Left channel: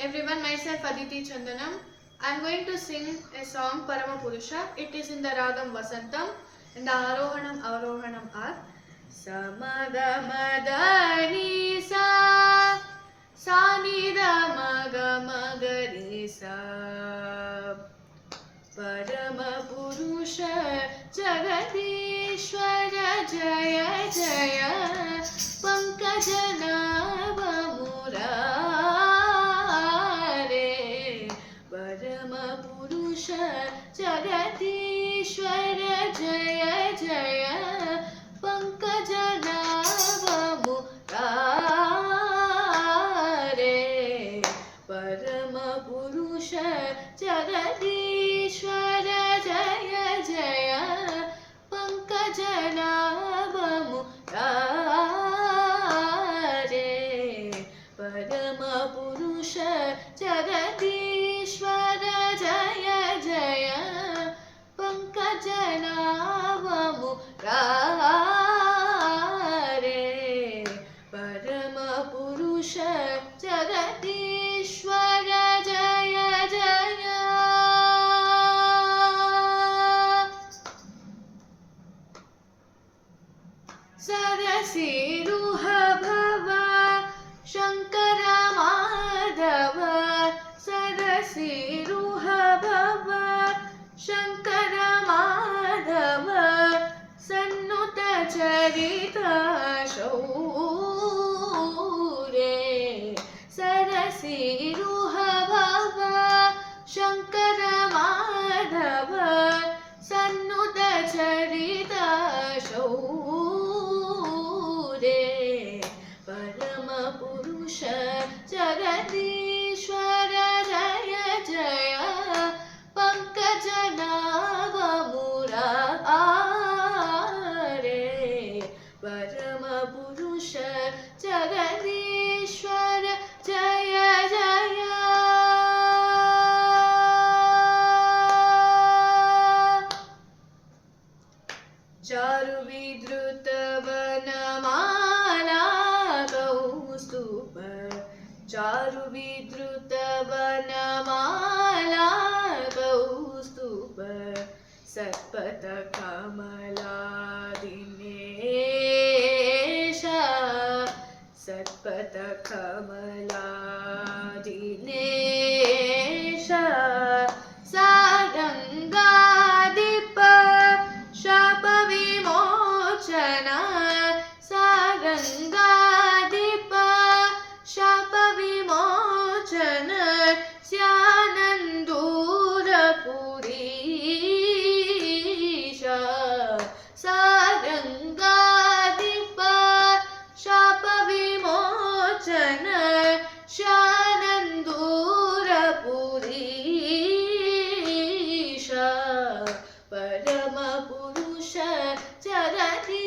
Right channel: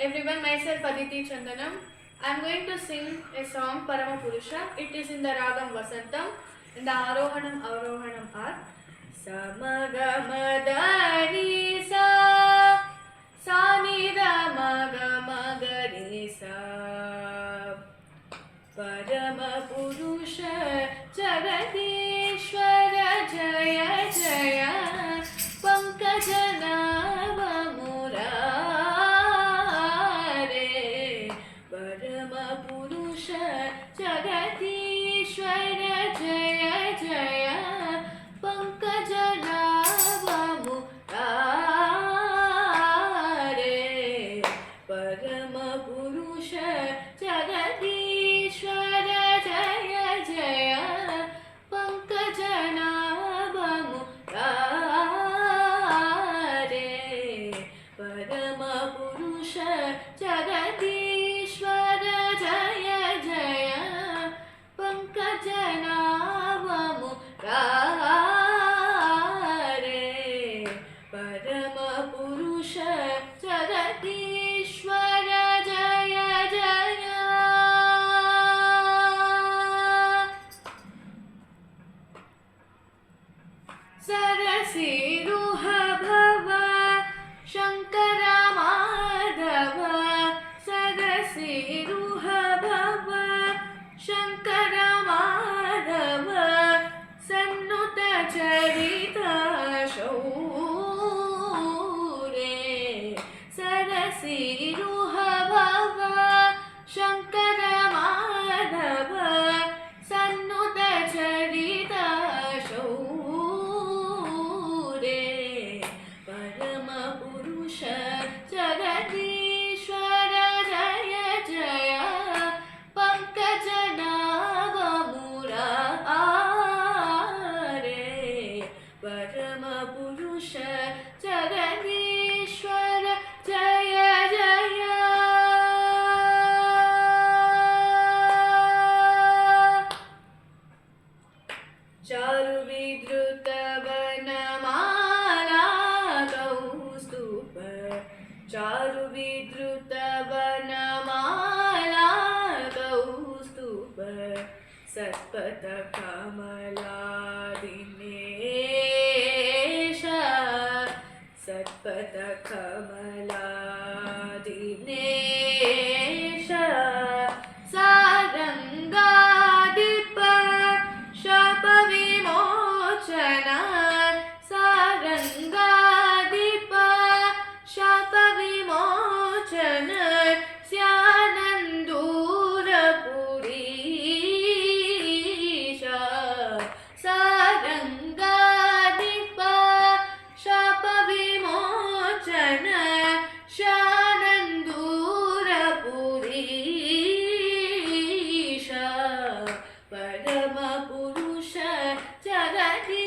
everyone, myself Aditi Chandanam. I am going to sing a song Parama Purusha. It is in the Ragam Vasantam in the Arohanam Avarohanam are Samagamagani sa Sanidamagamagadani sa Parama Purusha Jagadishwara Jaya Jaya Pankajana जगदीश्वर जय जय पंकजनाभ मुरारे परम पुरुष जगदीश्वर जय जय पंकजनाभ मुरारे परम पुरुष जगदीश्वर जय जय पंकजनाभ मुरारे परम पुरुष जगदीश्वर जय जय सरसीरुह भव शंकर माधव सरसीरुह भव शंकर माधव सन्नुत चरित शौरे सरसीरुह भव शंकर माधव सन्नुत चरित शौरे परम पुरुष जगदीश्वर जय जय पंकजनाभ मुरारे परम पुरुष जगदीश्वर जय जय चारु विद्रुत वनमाला कौस्तुभ चारु विद्रुत वनमाला कौस्तुभ सत्पथ कमला दिनेश सत्पथ कमला दिनेश सारंगाधिप शाप विमोचन सारंगाधिप शाप विमोचन स्यानंदूर पुरीश सारंगाधिप शाप विमोचन शानंदूर पुरीश परम पुरुष जगदीश्वर